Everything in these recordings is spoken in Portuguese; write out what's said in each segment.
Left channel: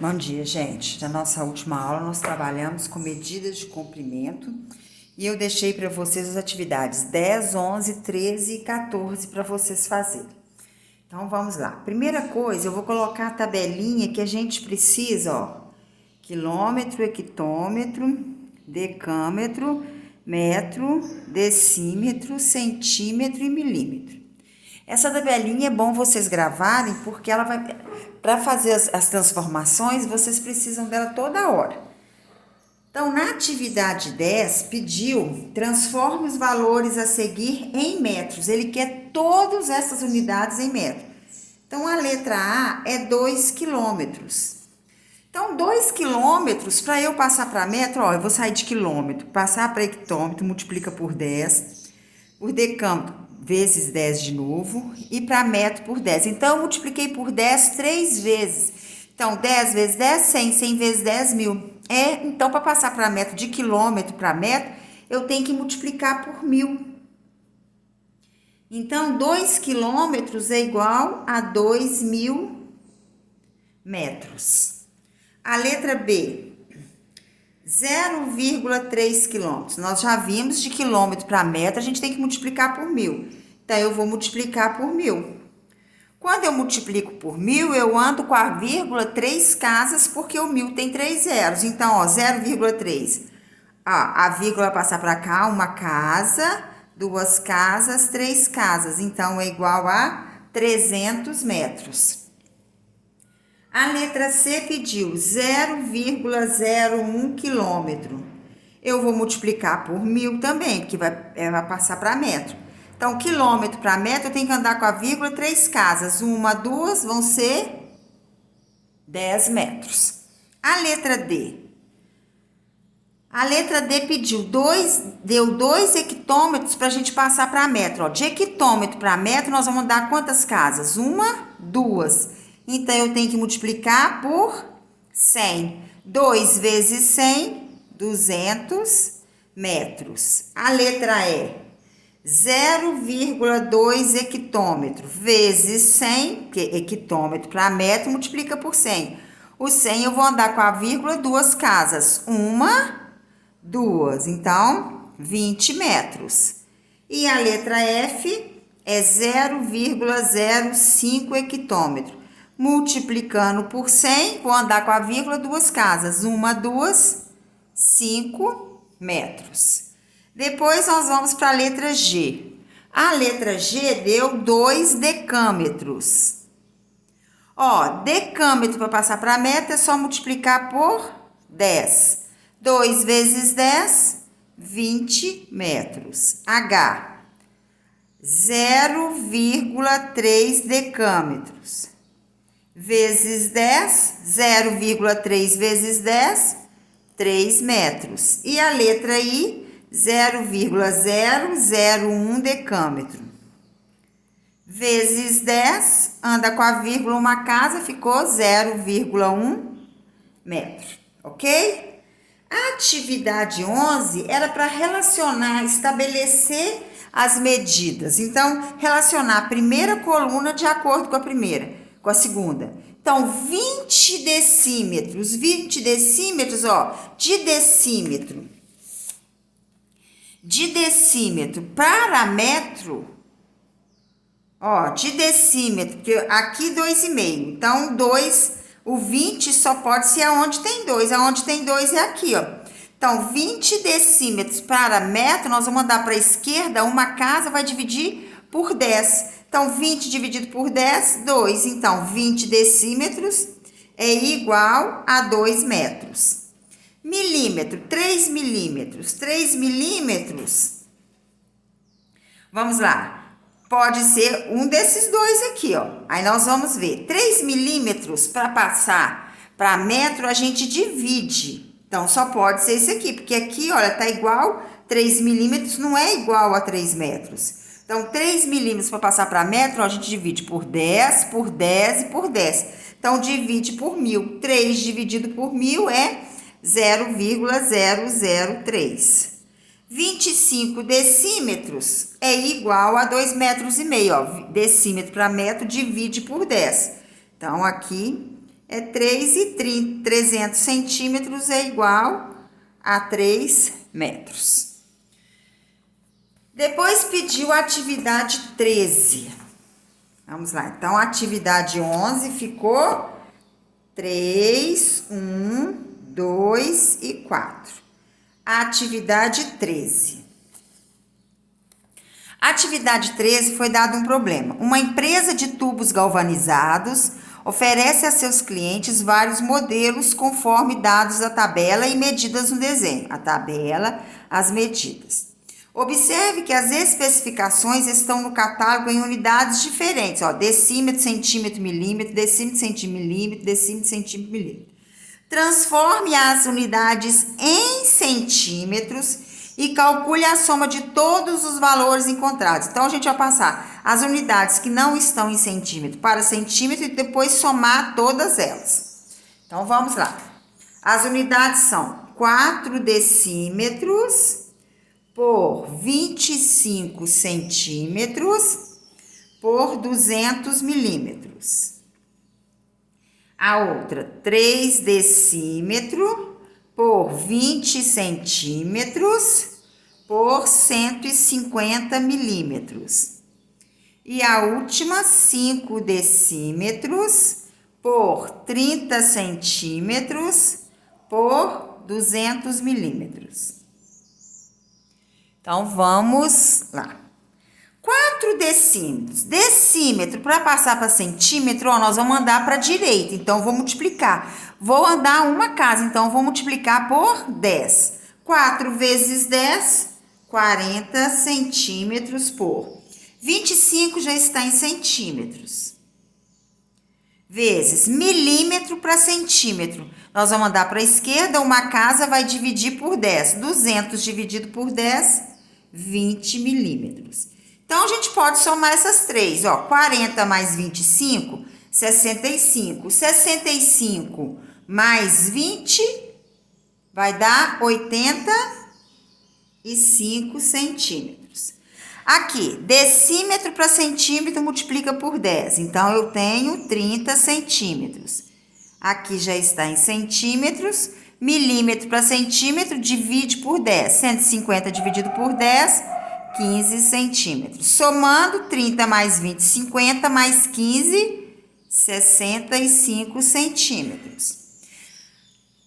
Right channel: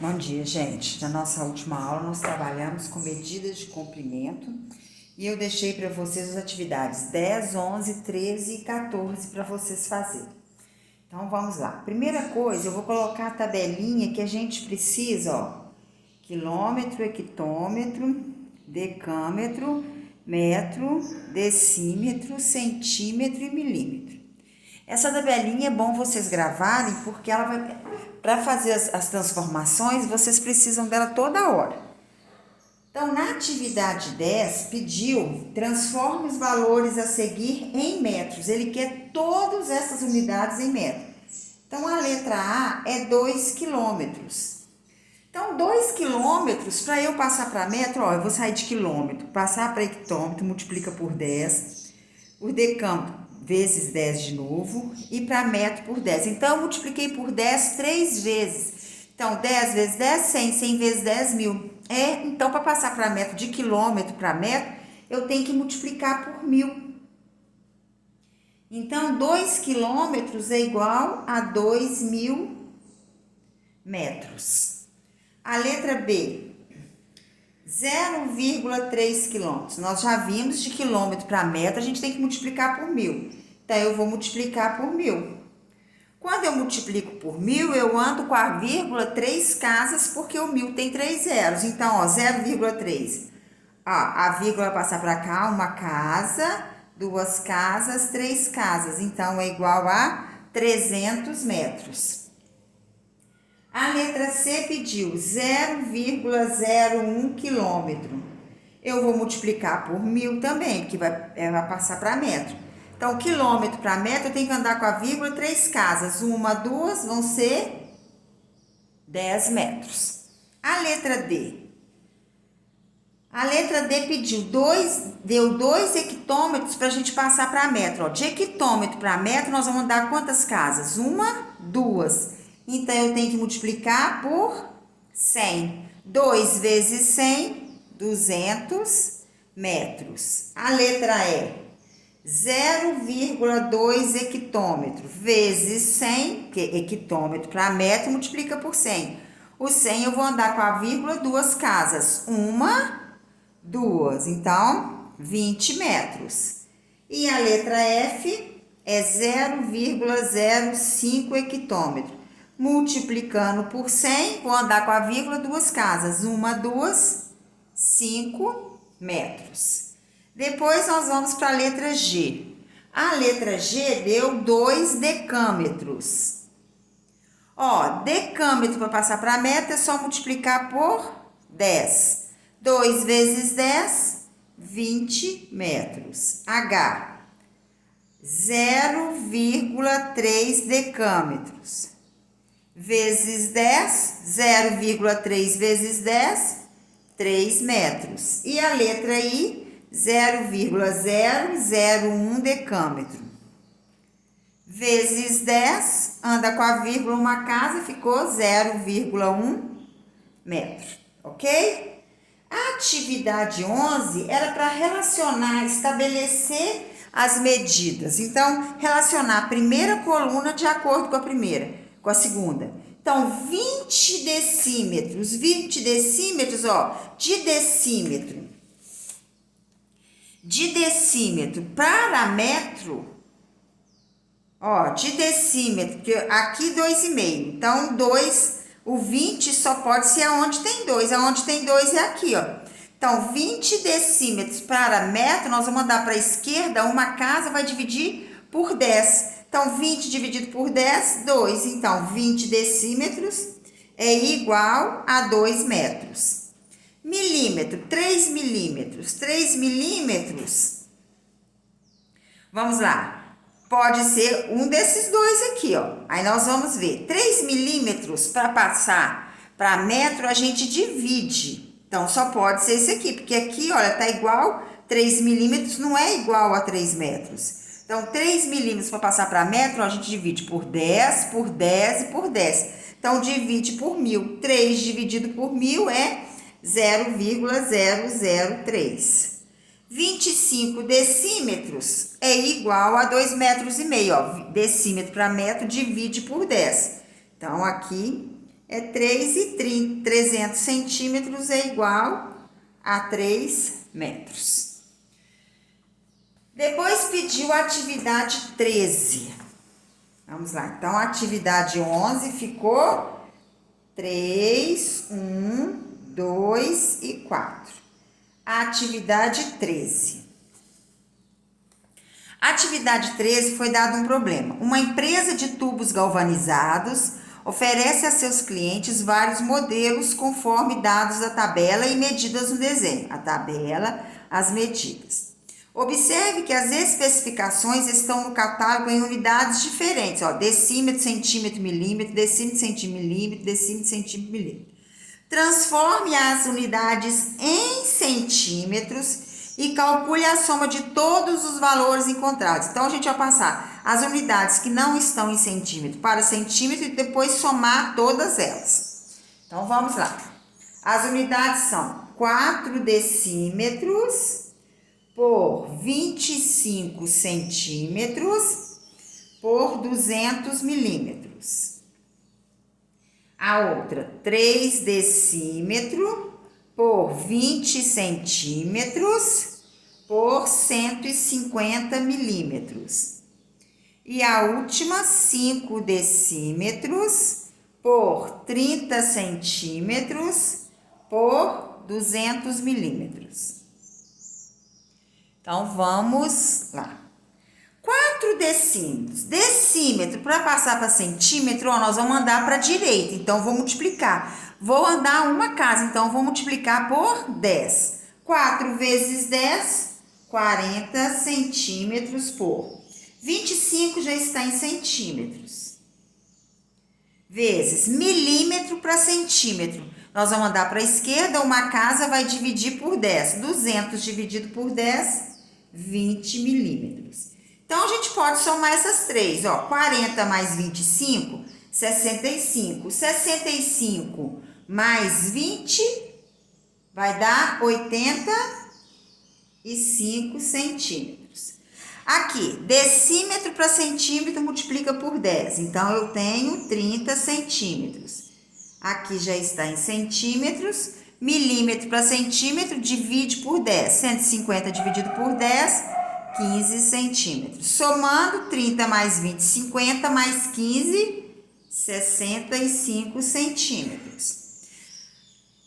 Bom dia, gente. Na nossa última aula, nós trabalhamos com medidas de comprimento e eu deixei para vocês as atividades 10, 11, 13 e 14 para vocês fazerem. Então, vamos lá. Primeira coisa, eu vou colocar a tabelinha que a gente precisa, ó. Quilômetro, hectômetro, decâmetro, metro, decímetro, centímetro e milímetro. Essa tabelinha é bom vocês gravarem porque ela vai, para fazer as transformações, vocês precisam dela toda hora. Então, na atividade 10, pediu, transforme os valores a seguir em metros. Ele quer todas essas unidades em metros. Então, a letra A é 2 quilômetros. Então, 2 quilômetros, para eu passar para metro, ó, eu vou sair de quilômetro, passar para hectômetro, multiplica por 10, por decâmetro, vezes 10 de novo, e para metro por 10. Então, eu multipliquei por 10 3 vezes. Então, 10 vezes 10, 100, 100 vezes 10, 1000. Então, para passar para metro, de quilômetro para metro, eu tenho que multiplicar por 1000. Então, 2 quilômetros é igual a 2.000 metros. A letra B, 0,3 quilômetros. Nós já vimos de quilômetro para metro, a gente tem que multiplicar por 1000. Então, eu vou multiplicar por 1000. Quando eu multiplico por 1000, eu ando com a vírgula 3 casas, porque o 1000 tem 3 zeros. Então, ó, 0,3. A vírgula vai passar para cá, uma casa, duas casas, 3 casas. Então, é igual a 300 metros. A letra C pediu 0,01 quilômetro. Eu vou multiplicar por 1000 também, porque vai passar para metro. Então, quilômetro para metro, eu tenho que andar com a vírgula 3 casas. Uma, duas, vão ser 10 metros. A letra D. A letra D deu 2 hectômetros para a gente passar para metro. Ó, de hectômetro para metro, nós vamos andar quantas casas? Uma, duas. Então, eu tenho que multiplicar por 100. 2 vezes 100, 200 metros. A letra E, 0,2 hectômetro vezes 100, que hectômetro para metro multiplica por 100. O 100 eu vou andar com a vírgula duas casas. Uma, duas. Então, 20 metros. E a letra F é 0,05 hectômetro. Multiplicando por 100, vou andar com a vírgula duas casas. Uma, duas, 5 metros. Depois, nós vamos para a letra G. A letra G deu 2 decâmetros. Ó, decâmetro para passar para metro é só multiplicar por 10. 2 vezes 10, 20 metros. H, 0,3 decâmetros. Vezes 10, 0,3 vezes 10, 3 metros. E a letra I, 0,001 decâmetro. Vezes 10, anda com a vírgula uma casa, ficou 0,1 metro, ok? A atividade 11 era para relacionar, estabelecer as medidas. Então, relacionar a primeira coluna de acordo com a primeira, com a segunda. Então, 20 decímetros, ó, de decímetro para metro, ó, de decímetro, que aqui 2,5. Então, 2, o 20 só pode ser aonde tem 2. Aonde tem 2 é aqui, ó. Então, 20 decímetros para metro, nós vamos andar para a esquerda, uma casa vai dividir por 10. Então, 20 dividido por 10, 2. Então, 20 decímetros é igual a 2 metros. Milímetro, 3 milímetros. 3 milímetros, vamos lá. Pode ser um desses dois aqui, ó. Aí nós vamos ver. 3 milímetros para passar para metro, a gente divide. Então, só pode ser esse aqui, porque aqui, olha, tá igual. 3 milímetros não é igual a 3 metros. Então, 3 milímetros para passar para metro, ó, a gente divide por 10, por 10 e por 10. Então, divide por 1000. 3 dividido por 1000 é 0,003. 25 decímetros é igual a 2,5 metros, ó. Decímetro para metro divide por 10. Então, aqui, é 300 centímetros é igual a 3 metros. Depois pediu a atividade 13. Vamos lá, então a atividade 11 ficou 3, 1, 2 e 4. A atividade 13. A atividade 13 foi dado um problema. Uma empresa de tubos galvanizados oferece a seus clientes vários modelos conforme dados da tabela e medidas no desenho. A tabela, as medidas. Observe que as especificações estão no catálogo em unidades diferentes, ó, decímetro, centímetro, milímetro, decímetro, centímetro, decímetro, centímetro, milímetro. Transforme as unidades em centímetros e calcule a soma de todos os valores encontrados. Então, a gente vai passar as unidades que não estão em centímetro para centímetro e depois somar todas elas. Então, vamos lá. As unidades são 4 decímetros por 25 centímetros por 200 milímetros. A outra, 3 decímetros por 20 centímetros por 150 milímetros. E a última, 5 decímetros por 30 centímetros por 200 milímetros. Então, vamos lá. 4 decímetros. Decímetro, para passar para centímetro, ó, nós vamos andar para a direita. Então, vou multiplicar. Vou andar uma casa, então, vou multiplicar por 10. 4 vezes 10, 40 centímetros por 25 já está em centímetros. Vezes milímetro para centímetro. Nós vamos andar para a esquerda, uma casa vai dividir por 10. 200 dividido por 10, 20 milímetros. Então, a gente pode somar essas três, ó, 40 mais 25, 65. 65 mais 20 vai dar 85 centímetros. Aqui, decímetro para centímetro multiplica por 10, então eu tenho 30 centímetros. Aqui já está em centímetros, milímetro para centímetro divide por 10, 150 dividido por 10, 15 centímetros. Somando 30 mais 20, 50 mais 15, 65 centímetros.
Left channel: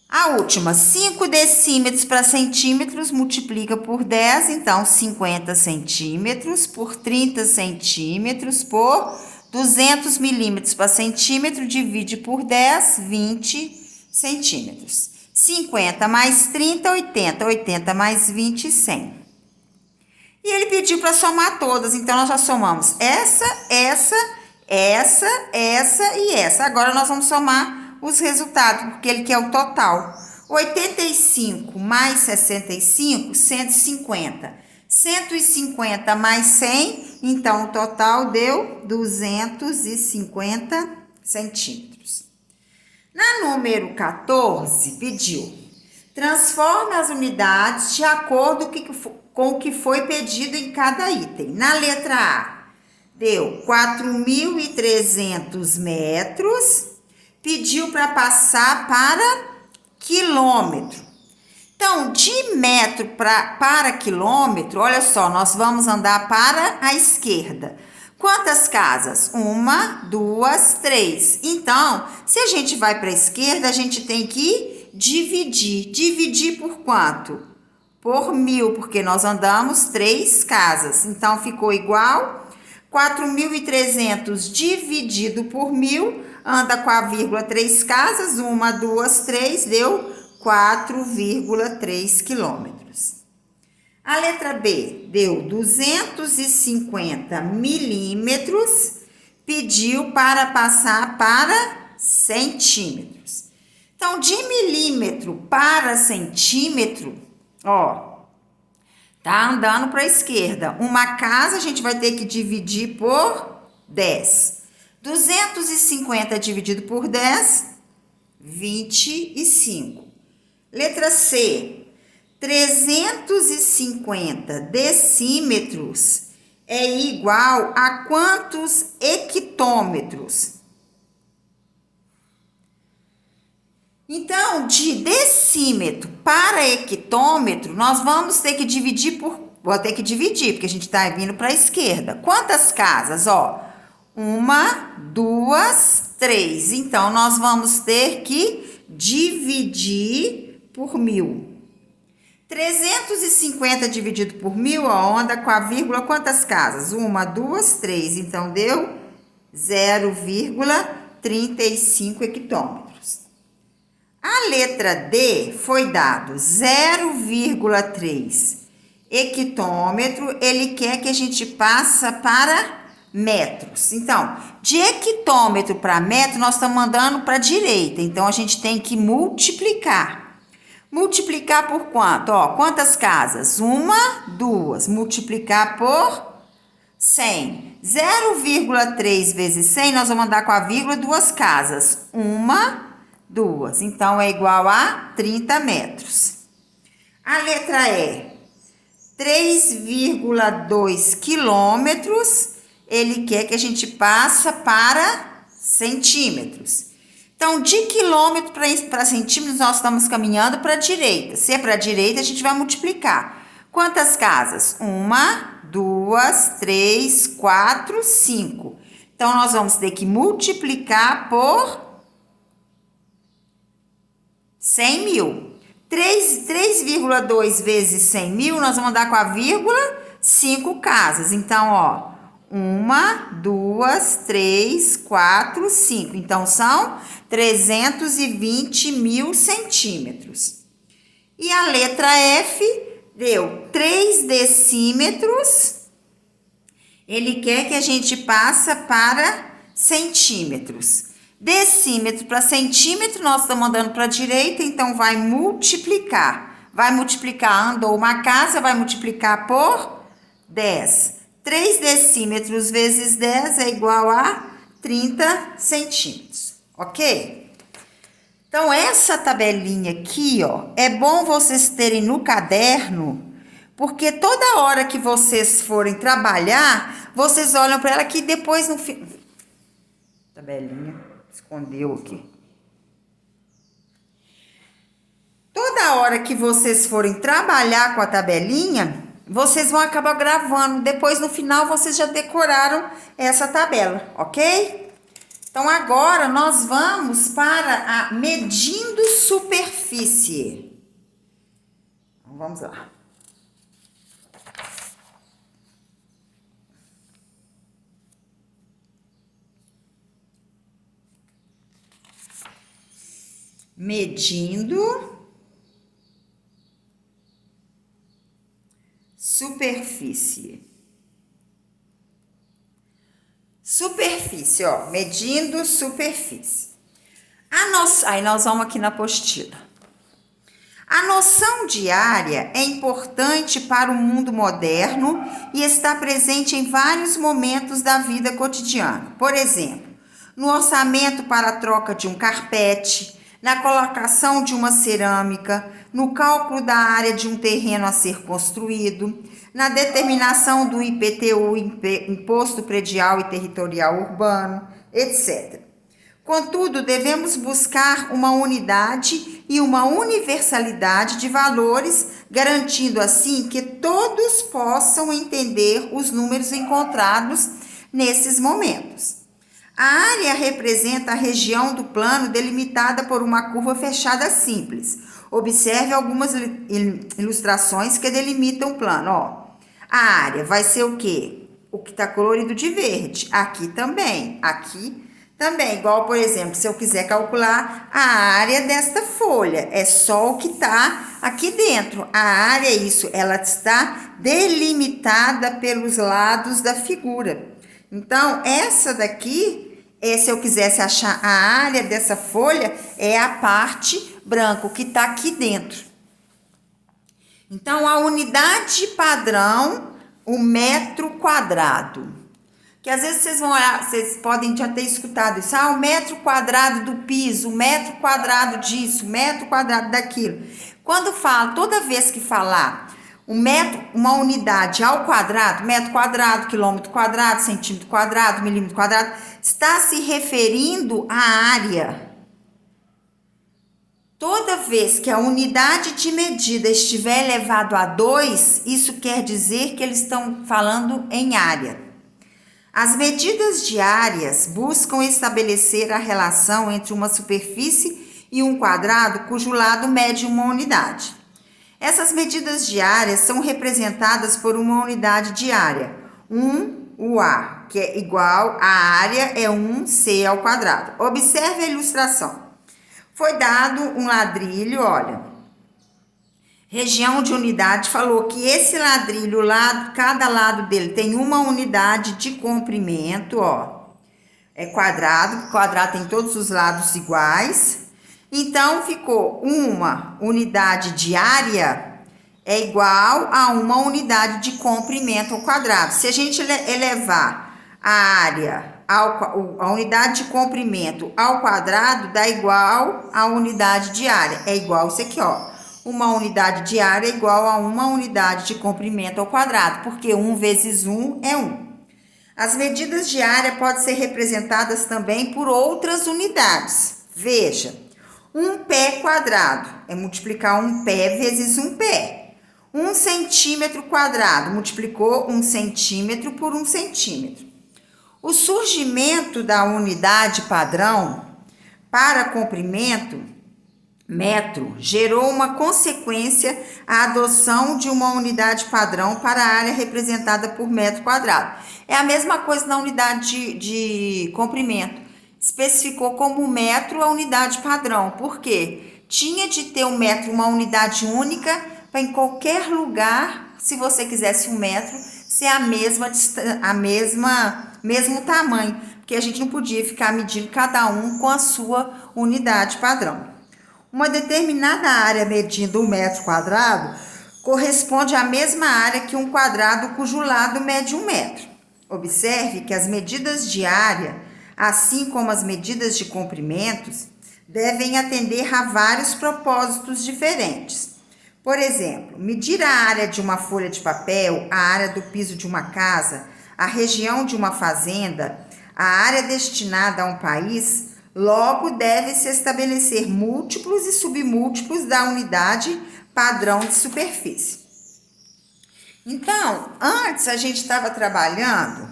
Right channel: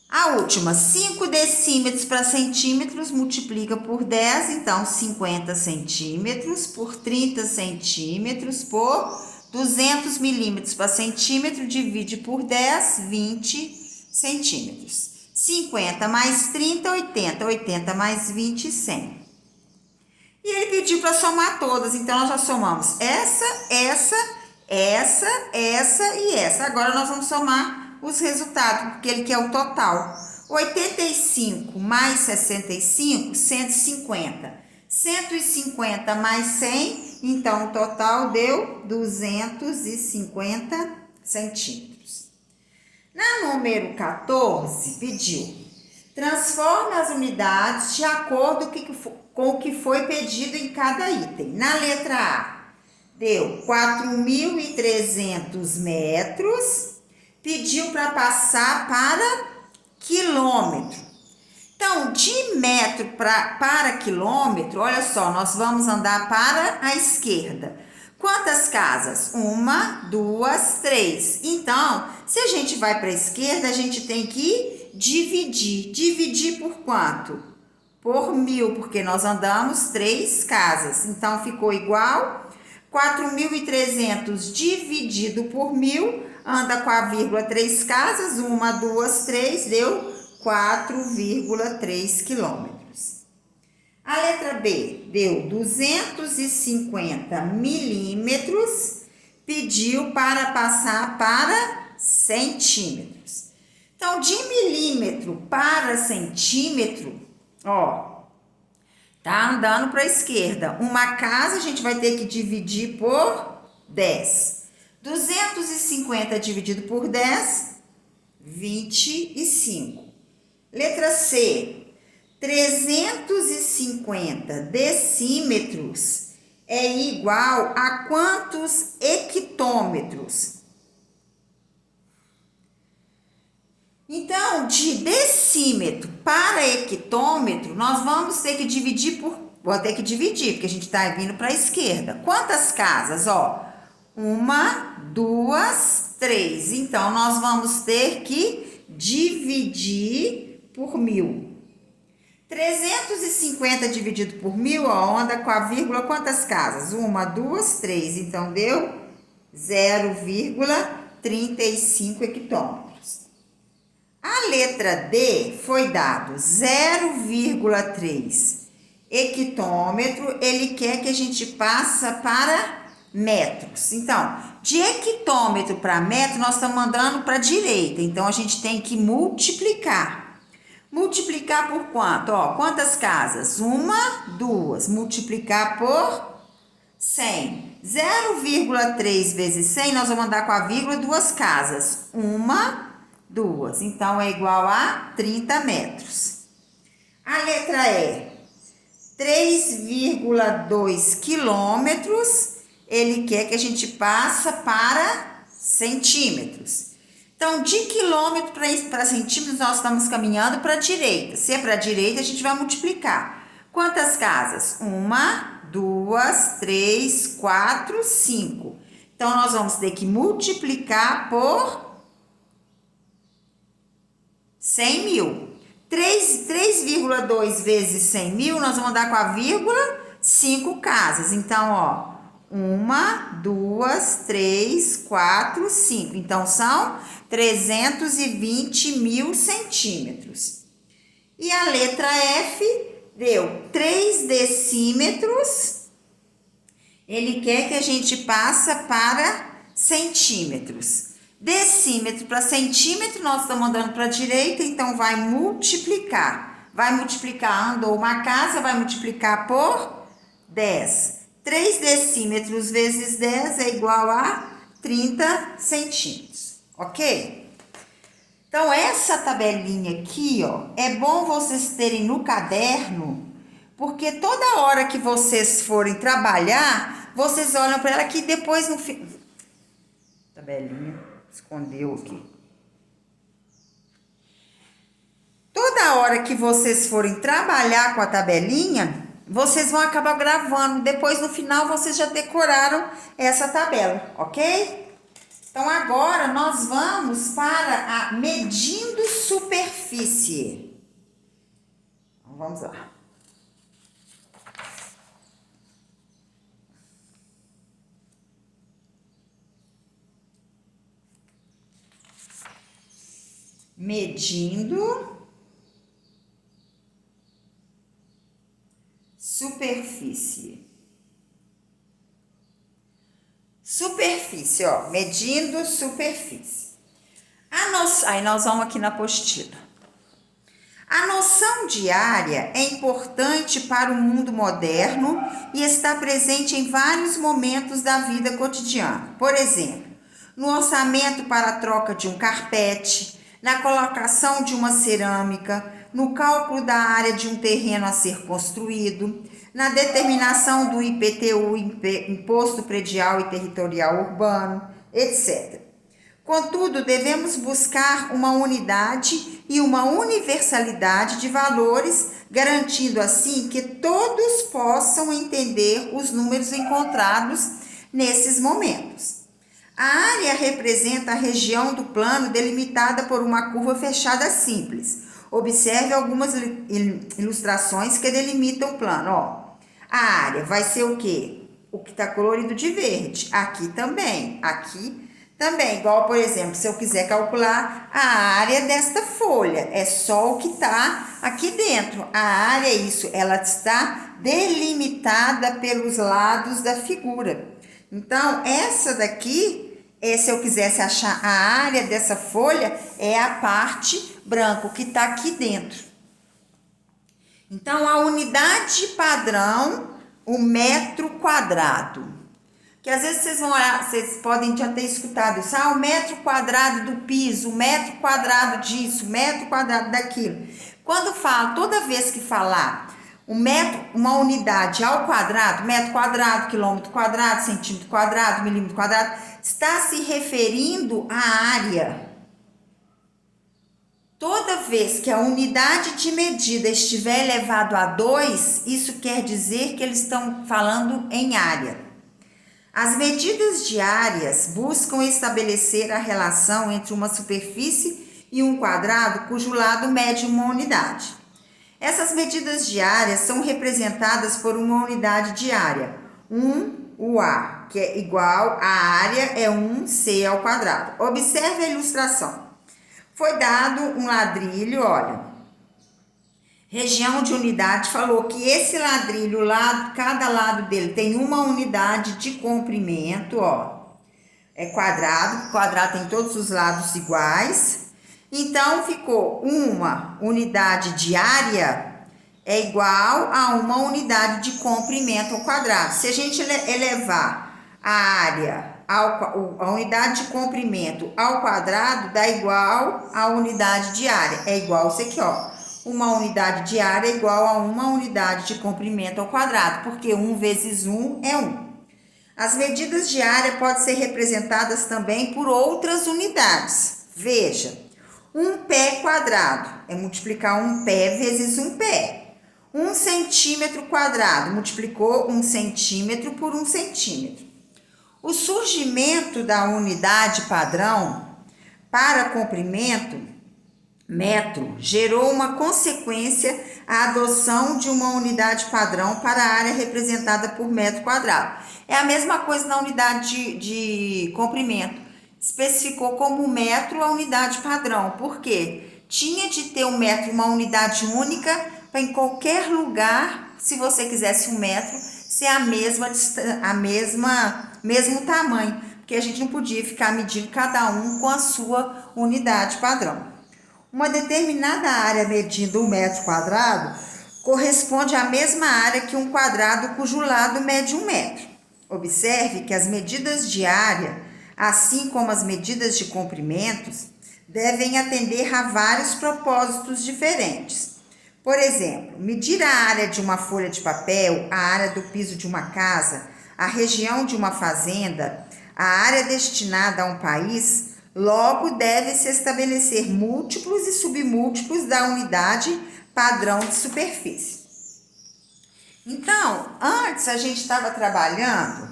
A última, 5 decímetros para centímetros, multiplica por 10, então 50 centímetros por 30 centímetros por 200 milímetros para centímetro, divide por 10, 20 centímetros. 50 mais 30, 80. 80 mais 20, 100. E ele pediu para somar todas, então nós já somamos essa e essa. Agora nós vamos somar os resultados, porque ele quer o total. 85 mais 65, 150. 150 mais 100, então o total deu 250 centímetros. Na número 14, pediu: transforme as unidades de acordo com o que foi pedido em cada item. Na letra A, deu 4.300 metros, pediu para passar para quilômetro. Então, de metro para quilômetro, olha só, nós vamos andar para a esquerda. Quantas casas? 1, 2, 3. Então, se a gente vai para a esquerda, a gente tem que dividir. Dividir por quanto? Por 1.000, porque nós andamos 3 casas. Então, ficou igual 4.300 dividido por 1.000, anda com a vírgula 3 casas, 1, 2, 3, deu 4,3 quilômetros. A letra B deu 250 milímetros, pediu para passar para centímetros. Então, de milímetro para centímetro, ó, tá andando para a esquerda. Uma casa a gente vai ter que dividir por 10. 250 dividido por 10, 25. Letra C, 350 decímetros é igual a quantos hectômetros? Então, de decímetro para hectômetro, nós vamos ter que dividir vou ter que dividir, porque a gente está vindo para a esquerda. Quantas casas? Ó, 1, 2, 3. Então, nós vamos ter que dividir por 1.000. 350 dividido por 1.000, ó, anda com a vírgula, quantas casas? 1, 2, 3. Então, deu 0,35 hectômetros. A letra D foi dado 0,3 hectômetro, ele quer que a gente passe para metros. Então, de hectômetro para metro, nós estamos mandando para a direita. Então, a gente tem que multiplicar. Multiplicar por quanto? Ó, quantas casas? 1, 2. Multiplicar por 100. 0,3 vezes 100, nós vamos andar com a vírgula, 2 casas. 1, 2. Então, é igual a 30 metros. A letra E, 3,2 quilômetros, ele quer que a gente passe para centímetros. Então, de quilômetro para centímetros, nós estamos caminhando para a direita. Se é para a direita, a gente vai multiplicar. Quantas casas? 1, 2, 3, 4, 5. Então, nós vamos ter que multiplicar por 100.000. 3,2 vezes 100.000, nós vamos dar com a vírgula 5 casas. Então, ó, 1, 2, 3, 4, 5. Então, são 320.000 centímetros. E a letra F deu 3 decímetros. Ele quer que a gente passe para centímetros. Decímetro para centímetro, nós estamos andando para a direita, então vai multiplicar. Vai multiplicar, andou uma casa, vai multiplicar por 10. 3 decímetros vezes 10 é igual a 30 centímetros, ok? Então, essa tabelinha aqui, ó, é bom vocês terem no caderno, porque toda hora que vocês forem trabalhar, vocês olham para ela aqui depois no fim. Tabelinha. Escondeu aqui. Toda hora que vocês forem trabalhar com a tabelinha, vocês vão acabar gravando. Depois, no final, vocês já decoraram essa tabela, ok? Então, agora nós vamos para a medindo superfície. Então, vamos lá. Medindo superfície. Superfície, ó, medindo superfície. Aí nós vamos aqui na apostila. A noção de área é importante para o mundo moderno e está presente em vários momentos da vida cotidiana. Por exemplo, no orçamento para a troca de um carpete, na colocação de uma cerâmica, no cálculo da área de um terreno a ser construído, na determinação do IPTU, Imposto Predial e Territorial Urbano, etc. Contudo, devemos buscar uma unidade e uma universalidade de valores, garantindo assim que todos possam entender os números encontrados nesses momentos. A área representa a região do plano delimitada por uma curva fechada simples. Observe algumas ilustrações que delimitam o plano. Ó, a área vai ser o quê? O que está colorido de verde. Aqui também. Aqui também. Igual, por exemplo, se eu quiser calcular a área desta folha. É só o que está aqui dentro. A área é isso. Ela está delimitada pelos lados da figura. Então, essa daqui, se eu quisesse achar a área dessa folha, é a parte branca, que está aqui dentro. Então, a unidade padrão, o metro quadrado. Que às vezes vocês vão olhar, vocês podem já ter escutado isso. O metro quadrado do piso, o metro quadrado disso, o metro quadrado daquilo. Quando fala, toda vez que falar o metro, uma unidade ao quadrado, metro quadrado, quilômetro quadrado, centímetro quadrado, milímetro quadrado, está se referindo à área. vez que a unidade de medida estiver elevado a 2, isso quer dizer que eles estão falando em área. As medidas de áreas buscam estabelecer a relação entre uma superfície e um quadrado cujo lado mede uma unidade. Essas medidas de área são representadas por uma unidade de área, o A, que é igual à área é 1C ao quadrado. Observe a ilustração. Foi dado um ladrilho, olha, região de unidade, falou que esse ladrilho, cada lado dele tem uma unidade de comprimento, ó, é quadrado, quadrado tem todos os lados iguais, então ficou uma unidade de área é igual a uma unidade de comprimento ao quadrado. Se a gente elevar a área, a unidade de comprimento ao quadrado, dá igual a unidade de área. É igual isso aqui, ó. Uma unidade de área é igual a uma unidade de comprimento ao quadrado, porque 1 vezes 1 é 1. As medidas de área podem ser representadas também por outras unidades. Veja, um pé quadrado é multiplicar um pé vezes um pé. 1 centímetro quadrado multiplicou 1 centímetro por 1 centímetro. O surgimento da unidade padrão para comprimento, metro, gerou uma consequência, a adoção de uma unidade padrão para a área representada por metro quadrado. É a mesma coisa na unidade de comprimento. Especificou como metro a unidade padrão. Por quê? Tinha de ter um metro, uma unidade única, para em qualquer lugar, se você quisesse um metro, ser mesmo tamanho, porque a gente não podia ficar medindo cada um com a sua unidade padrão. Uma determinada área medindo 1 metro quadrado corresponde à mesma área que um quadrado cujo lado mede 1 metro. Observe que as medidas de área, assim como as medidas de comprimentos, devem atender a vários propósitos diferentes. Por exemplo, medir a área de uma folha de papel, a área do piso de uma casa, a região de uma fazenda, a área destinada a um país, logo deve-se estabelecer múltiplos e submúltiplos da unidade padrão de superfície. Então, antes a gente estava trabalhando,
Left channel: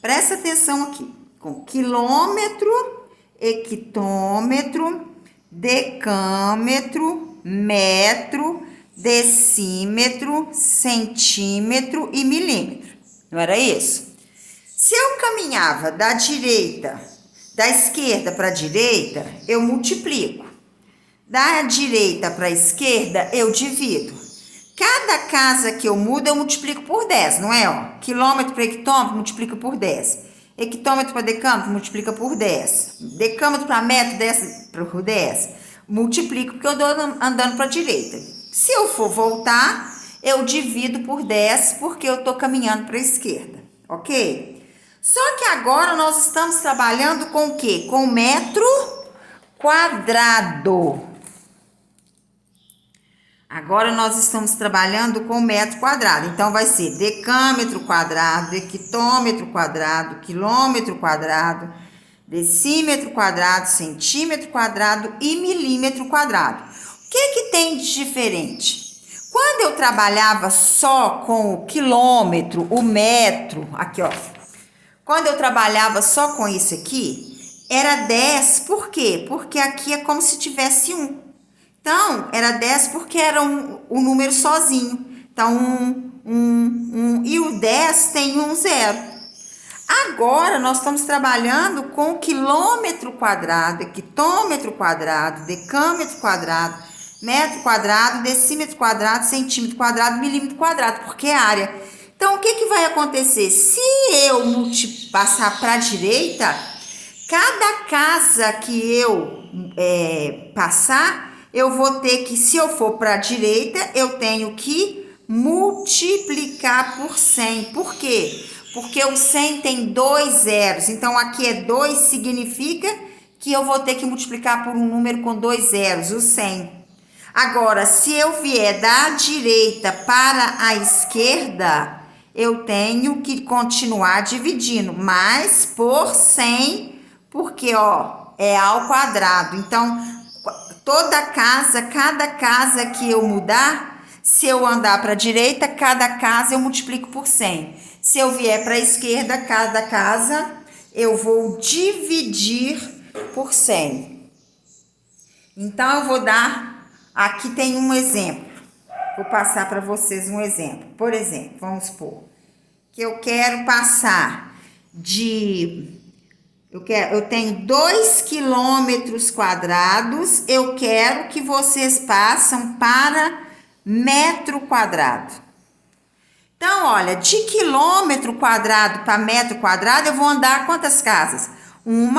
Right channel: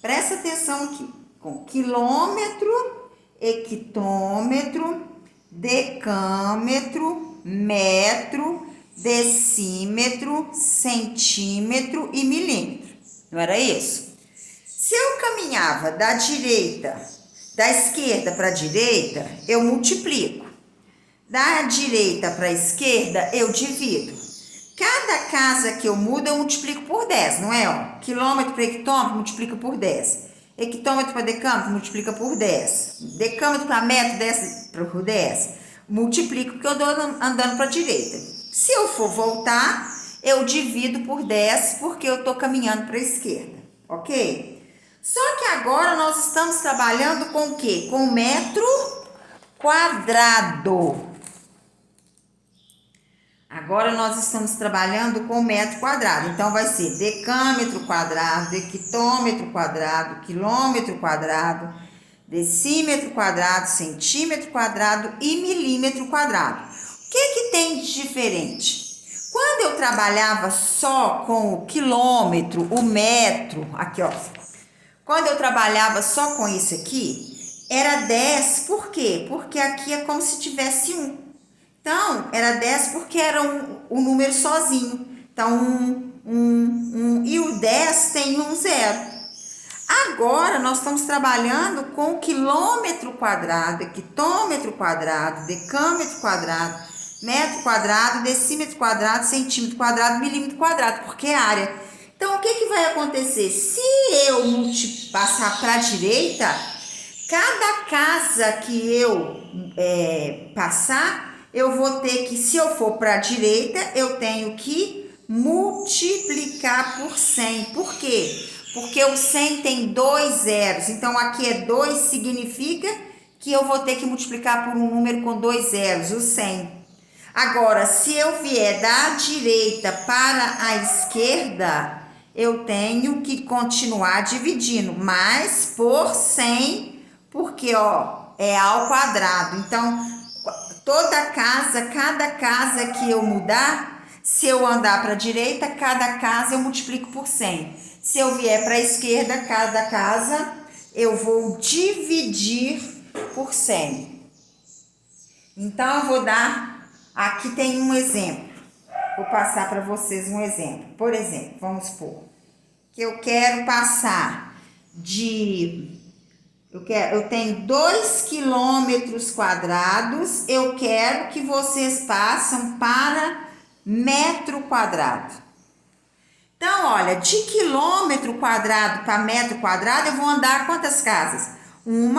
presta atenção aqui, com quilômetro, hectômetro, decâmetro, metro, decímetro, centímetro e milímetro. Não era isso? Se eu caminhava da esquerda para a direita, eu multiplico. Da direita para a esquerda, eu divido. Cada casa que eu mudo, eu multiplico por 10, não é? Ó, quilômetro para hectômetro, multiplica por 10. Hectômetro para decâmetro, multiplica por 10. Decâmetro para metro, 10 por 10. Multiplico porque eu estou andando para a direita. Se eu for voltar, eu divido por 10 porque eu estou caminhando para a esquerda, ok? Só que agora nós estamos trabalhando com o quê? Com metro quadrado. Agora nós estamos trabalhando com metro quadrado. Então, vai ser decâmetro quadrado, hectômetro quadrado, quilômetro quadrado, decímetro quadrado, centímetro quadrado e milímetro quadrado. O que tem de diferente? Quando eu trabalhava só com o quilômetro, o metro, aqui ó, quando eu trabalhava só com isso aqui, era 10, por quê? Porque aqui é como se tivesse 1. Então, era 10 porque era um número sozinho. Então, 1, e o 10 tem 0. Agora, nós estamos trabalhando com o quilômetro quadrado, hectômetro quadrado, decâmetro quadrado, metro quadrado, decímetro quadrado, centímetro quadrado, milímetro quadrado, porque é área. Então, o que vai acontecer? Se eu passar para a direita, cada casa que eu passar, eu vou ter que, se eu for para a direita, eu tenho que multiplicar por 100. Por quê? Porque o 100 tem 2 zeros. Então, aqui é 2, significa que eu vou ter que multiplicar por um número com 2 zeros, o 100. Agora, se eu vier da direita para a esquerda, eu tenho que continuar dividindo, mas por 100, porque, ó, é ao quadrado. Então, cada casa que eu mudar, se eu andar para a direita, cada casa eu multiplico por 100. Se eu vier para a esquerda, cada casa eu vou dividir por 100. Então, eu vou dar, aqui tem um exemplo. Vou passar para vocês um exemplo. Por exemplo, vamos supor que eu quero passar eu tenho 2 quilômetros quadrados, eu quero que vocês passem para metro quadrado. Então, olha, de quilômetro quadrado para metro quadrado, eu vou andar quantas casas? 1,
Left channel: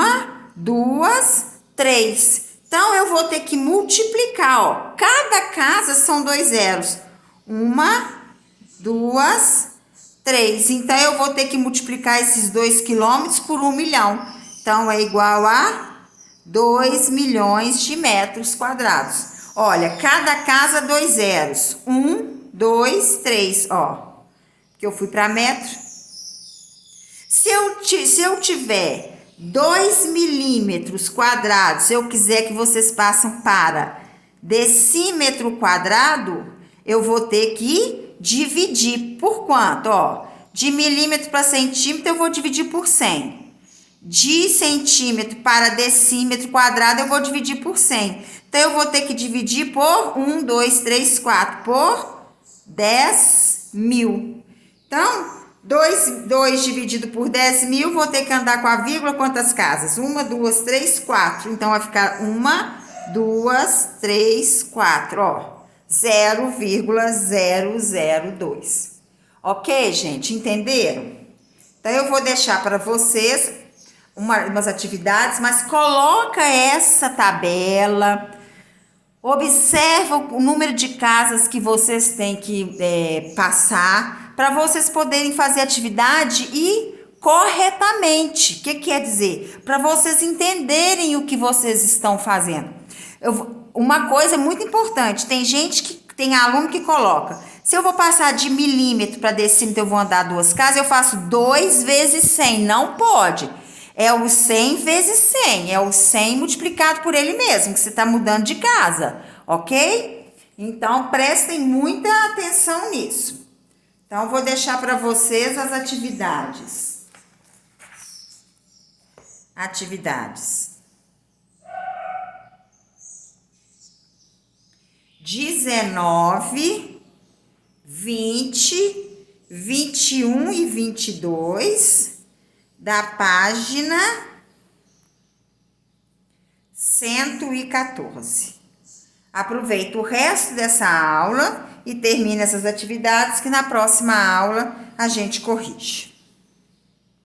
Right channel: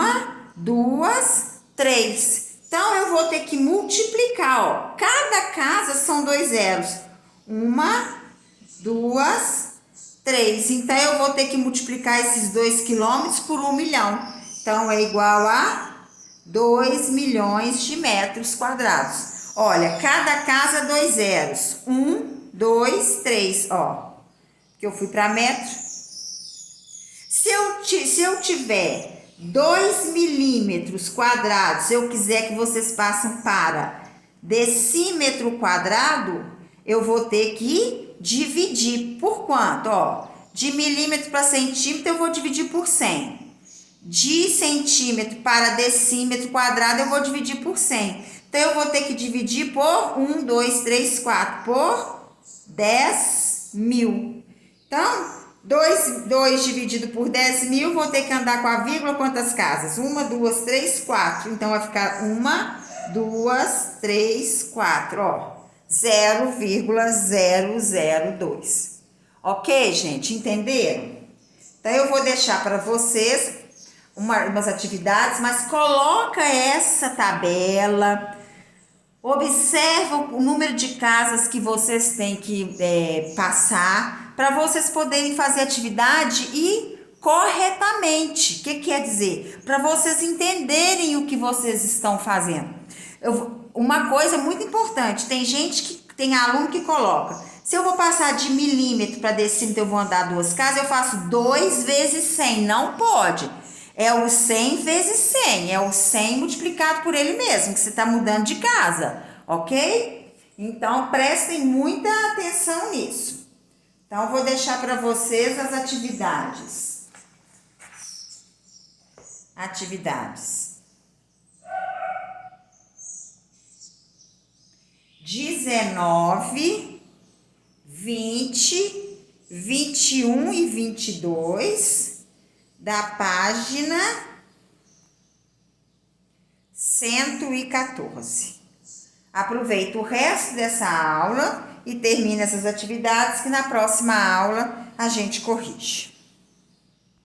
2, 3. Então, eu vou ter que multiplicar, ó. Cada casa são 2 zeros. 1, 2, 3. Então, eu vou ter que multiplicar esses 2 quilômetros por 1 milhão. Então, é igual a 2 milhões de metros quadrados. Olha, cada casa 2 zeros. 1, 2, 3, ó. Que eu fui para metro. Se eu tiver 2 milímetros quadrados, se eu quiser que vocês passem para decímetro quadrado, eu vou ter que dividir por quanto? Ó, de milímetro para centímetro, eu vou dividir por 100. De centímetro para decímetro quadrado, eu vou dividir por 100. Então, eu vou ter que dividir por 1, 2, 3, 4, por 10 mil. Então, 2 dividido por 10 mil, vou ter que andar com a vírgula quantas casas? 1, 2, 3, 4. Então, vai ficar 1, 2, 3, 4, ó. 0,002. Ok, gente? Entenderam? Então, eu vou deixar para vocês umas atividades, mas coloca essa tabela, observa o número de casas que vocês têm que passar, para vocês poderem fazer atividade e corretamente. O que quer dizer? Para vocês entenderem o que vocês estão fazendo. Uma coisa muito importante, tem aluno que coloca, se eu vou passar de milímetro para decímetro, eu vou andar 2 casas, eu faço 2 vezes 100, não pode. É o 100 vezes 100, é o 100 multiplicado por ele mesmo, que você está mudando de casa, ok? Então, prestem muita atenção nisso. Então, eu vou deixar para vocês as atividades. Atividades. 19, 20, 21 e 22... da página 114. Aproveita o resto dessa aula e termina essas atividades que na próxima aula a gente corrige.